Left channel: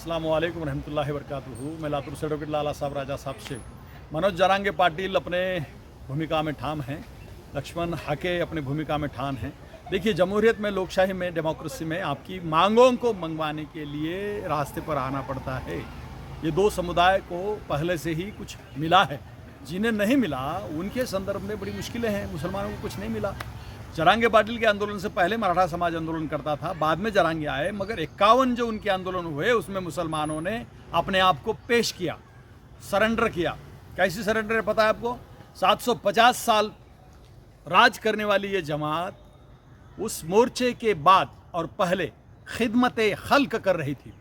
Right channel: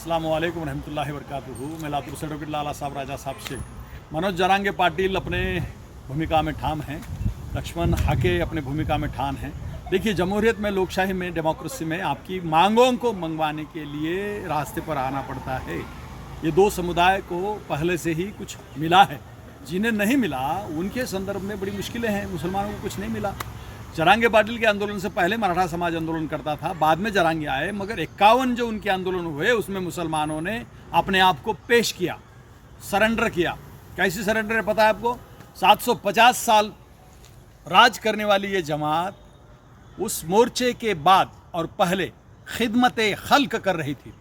अस्सलाम वालेकुम रहमतुल्लाहि वबरकातुहू। मैं लातूर से डॉक्टर लाला साहब राजा साहब से मनोज जरांगे पाटिल अपने भूमिका में ठाम हैं, लक्ष्मण हाके अपने भूमिका में ठाम हैं। देखिए, जमहूरियत में, लोकशाही में, डेमोक्रेसी में आपकी मांगों को मंगवाने के लिए रास्ते पर आना पड़ता है। ये दो समुदाय को पहले से ही कुछ मिला है, जिन्हें नहीं मिला उनके संदर्भ में बड़ी मुश्किलें हैं। मुसलमानों को कुछ नहीं मिला। जरांगे पाटिल के आंदोलन से पहले मराठा समाज आंदोलन करता था, बाद में जरांगे आए, मगर 51 जो उनके आंदोलन हुए उसमें मुसलमानों ने अपने आप को पेश किया, सरेंडर किया। कैसी सरेंडर है पता है आपको? 750 साल राज करने वाली ये जमात उस मोर्चे के बाद और पहले खिदमत खल्क कर रही थी,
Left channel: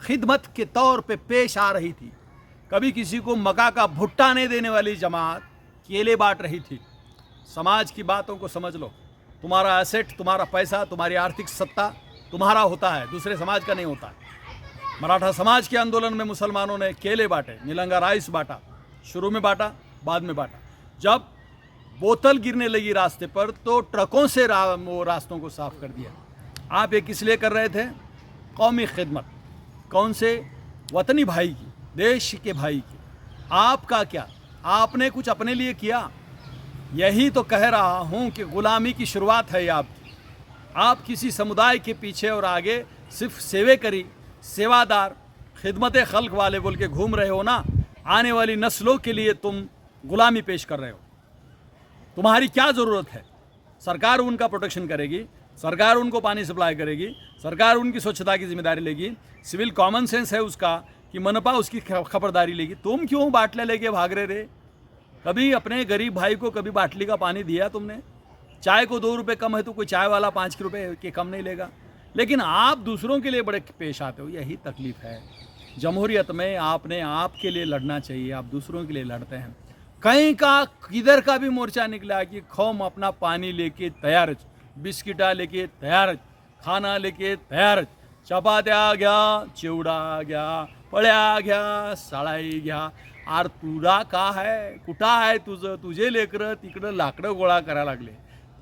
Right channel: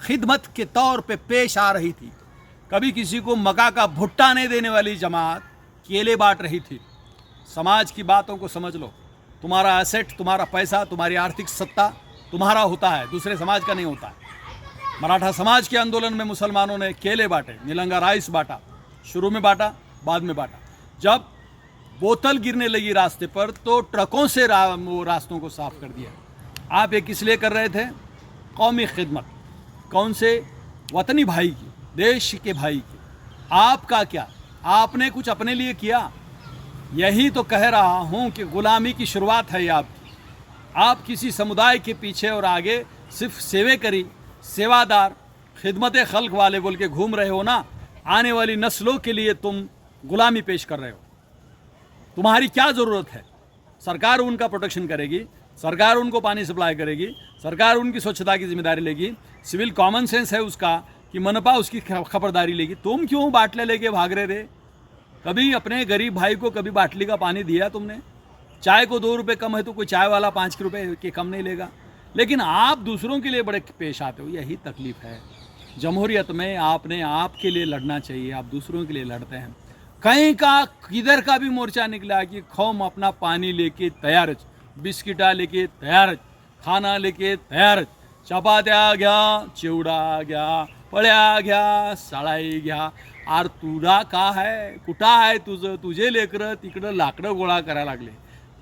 खिदमत के तौर पे पेश आ रही थी। कभी किसी को मका का भुट्टा नहीं देने वाली जमात केले बांट रही थी। समाज की बातों को समझ लो। तुम्हारा एसेट, तुम्हारा पैसा, तुम्हारी आर्थिक सत्ता तुम्हारा होता है, दूसरे समाज का नहीं होता है। मराठा समाज के आंदोलन में मुसलमानों ने केले बांटे, नीलंगा राइस बांटा, शुरू में बांटा, बाद में बांटा। जब बोतल गिरने लगी रास्ते पर तो ट्रकों से वो रास्तों को साफ कर दिया। आप ये किस लिए कर रहे थे? कौमी खिदमत। कौन से? वतनी भाई की, देश के भाई की। आपका क्या? आपने कुछ अपने लिए किया? यही तो कह रहा हूँ कि गुलामी की शुरुआत है आपकी। आप किसी समुदाय के पीछे और आगे सिर्फ सेवेकरी, सेवादार, खिदमत खल्क वाले बोल के घूम रहे हो ना। आने वाली नस्लों के लिए तुम गुलामी पेश कर रहे हो। तुम्हारी क्या ज़रूरत है? सरकार उनका प्रोटेक्शन करेगी, सरकार उनको पानी सप्लाई करेगी, सरकार उनकी स्वच्छता की जिम्मेदारी लेगी, सिविल कॉमन सेंस है उसका कि मनपा उसकी खबरदारी लेगी। तुम क्यों बाटले लेके भाग रहे थे? कभी अपने गरीब भाई को कभी बाटली का पानी दिया तुमने? चाय को 2 रुपये कम है तो कोई चाय वाला 5 रुपये के कम नहीं लेगा। लेकिन आप दूसरों के लिए बड़े पेश आते हो। यही तकलीफ है। जमहूरियत में आपने आपके लिए लड़ना चाहिए, आप दूसरों के लिए लड़ते हैं। कहीं का किधर का भी मोर्चा निकला कि कौम अपना पानी लेके तैयार, बिस्किटा लेके तैयार, खाना लेके तैयार, चपात्या घ्या, चिवडा घ्या, पळ्या घ्या, साळाई घ्या। आर तुरा का है? कुठं आहे तुझं? तुझे लेकरं तिकडं लाकडं गोळा करायला लागले।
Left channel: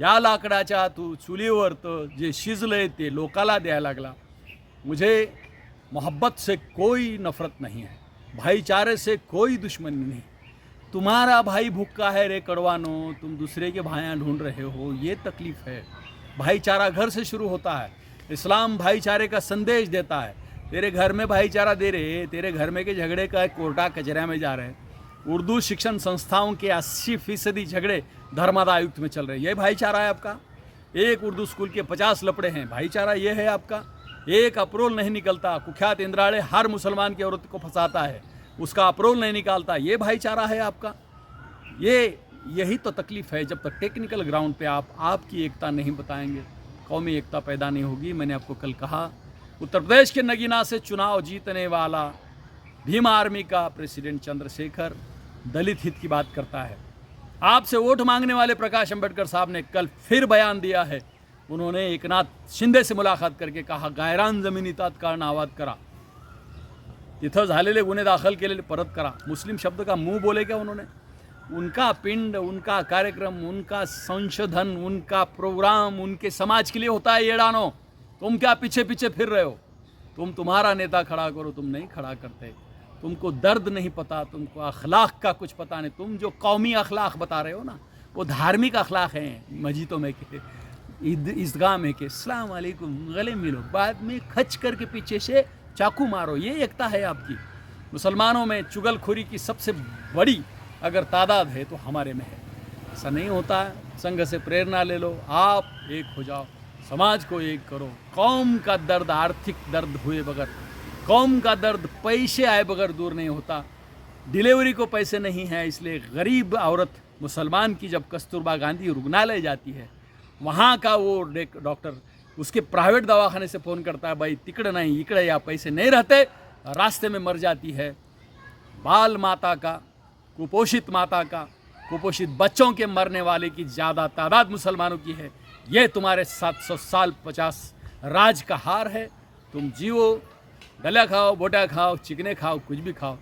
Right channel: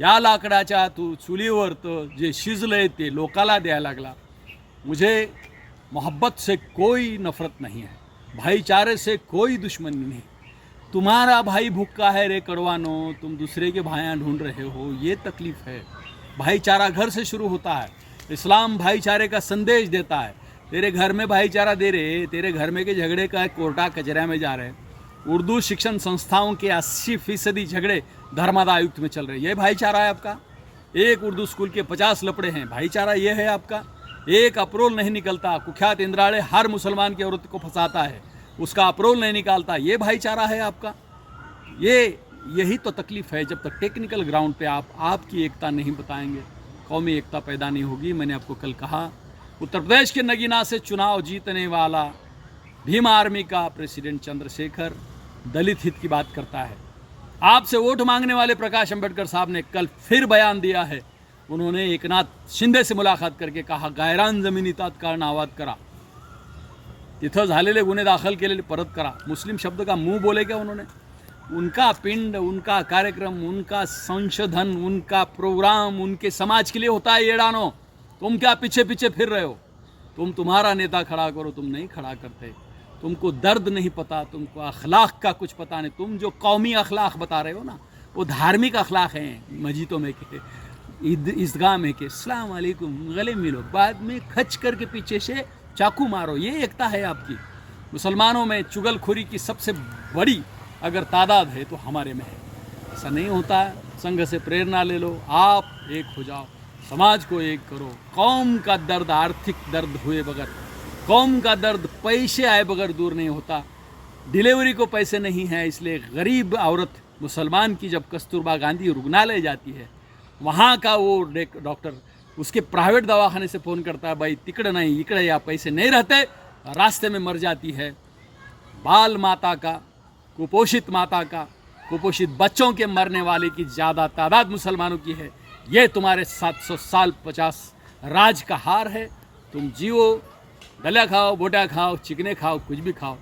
या लाकडाच्या चुलीवर तर जे शिजलंय ते लोकाला द्यायला लागला। मुझे मोहब्बत से कोई नफरत नहीं है, भाईचारे से कोई दुश्मनी नहीं। तुम्हारा भाई भूखा है रे कड़वानो, तुम दूसरे के भाइयाँ ढूंढ रहे हो, ये तकलीफ है। भाईचारा घर से शुरू होता है। इस्लाम भाईचारे का संदेश देता है। तेरे घर में भाईचारा दे रहे, तेरे घर में के झगड़े का कोर्टा कचरा में जा रहे हैं। उर्दू शिक्षण संस्थाओं के 80% झगड़े धर्मादा आयुक्त में चल रहे हैं। ये भाईचारा है आपका? एक उर्दू स्कूल के 50 लपड़े हैं, भाईचारा ये है आपका? एक अप्रोल नहीं निकलता, कुख्यात इंद्राड़े हर मुसलमान की औरत को फंसाता है, उसका अप्रोल नहीं निकालता, ये भाईचारा है आपका? यही तो तकलीफ है। जब तक टेक्निकल ग्राउंड पे आप आपकी एकता नहीं बताएंगे, कौमी एकता पैदा नहीं होगी। मैंने आपको कल कहा, उत्तर प्रदेश के नगीना से चुनाव जीतने वाला भीम आर्मी का प्रेसिडेंट चंद्रशेखर दलित हित की बात करता है। आपसे वोट मांगने वाले प्रकाश अंबेडकर साहब ने कल फिर बयान दिया है। उन्होंने एकनाथ शिंदे से मुलाकात करके कहा, गायरान जमिनी तात्काळ नावाद करा, तिथं झालेले गुन्हे दाखल केलेले परत करा। मुस्लिम शब्द का मुंह बोले क्या उन्होंने? उनका पिंड, उनका कार्यक्रम, उनका संशोधन, उनका प्रोग्राम उनके समाज के लिए होता है। येड़ानो, तुम क्या पीछे पीछे फिर रहे हो? तुम्हारा नेता खड़ा करो, तुम नहीं खड़ा करते। तुमको दर्द नहीं पता, तुमको अखलाक का कुछ पता नहीं। तुम जो कौमी अखलाक बता रहे हो ना, वो धार्मिक अखलाक हैं। मस्जिदों में के, ईदगाह में के अस्सलाम वालेकुम, गले मिलो, बाद में खच करके पीछे से चाकू मारो। ये एकता है आपकी? मुसलमानों में चुगलखोरी की सबसे बड़ी अगर तादाद है तो हमारे में है। ऐसा नहीं होता है। संघ से प्रेरणा ले लो, आप एक हो जाओ, समाज को एक करो। कौम का दर्द आर्थिक दर्द हुए बगैर, कौम का दर्द पैसे आए बगैर दूर नहीं होता। डिलीवरी को पैसे नहीं है, इसलिए गरीब औरत मुसलमान की जब कस्तूरबा गांधी रुग्णालय जाती है, वहाँ का वो डॉक्टर उसके प्राइवेट दवाखाने से फ़ोन करता है, भाई तिकड़ नहीं इकड़, या पैसे नहीं रहते, रास्ते में मर जाती है। बाल माता का, कुपोषित माता का, कुपोषित बच्चों के मरने वाले की ज़्यादा तादाद मुसलमानों की है। ये तुम्हारे 700 साल 50 राज का हार है। तुम जियो, गला खाओ, बोटा खाओ, चिकने खाओ, कुछ भी खाओ,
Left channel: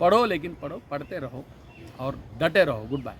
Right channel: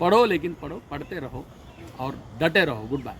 पढ़ो, लेकिन पढ़ो, पढ़ते रहो और डटे रहो। Good bye.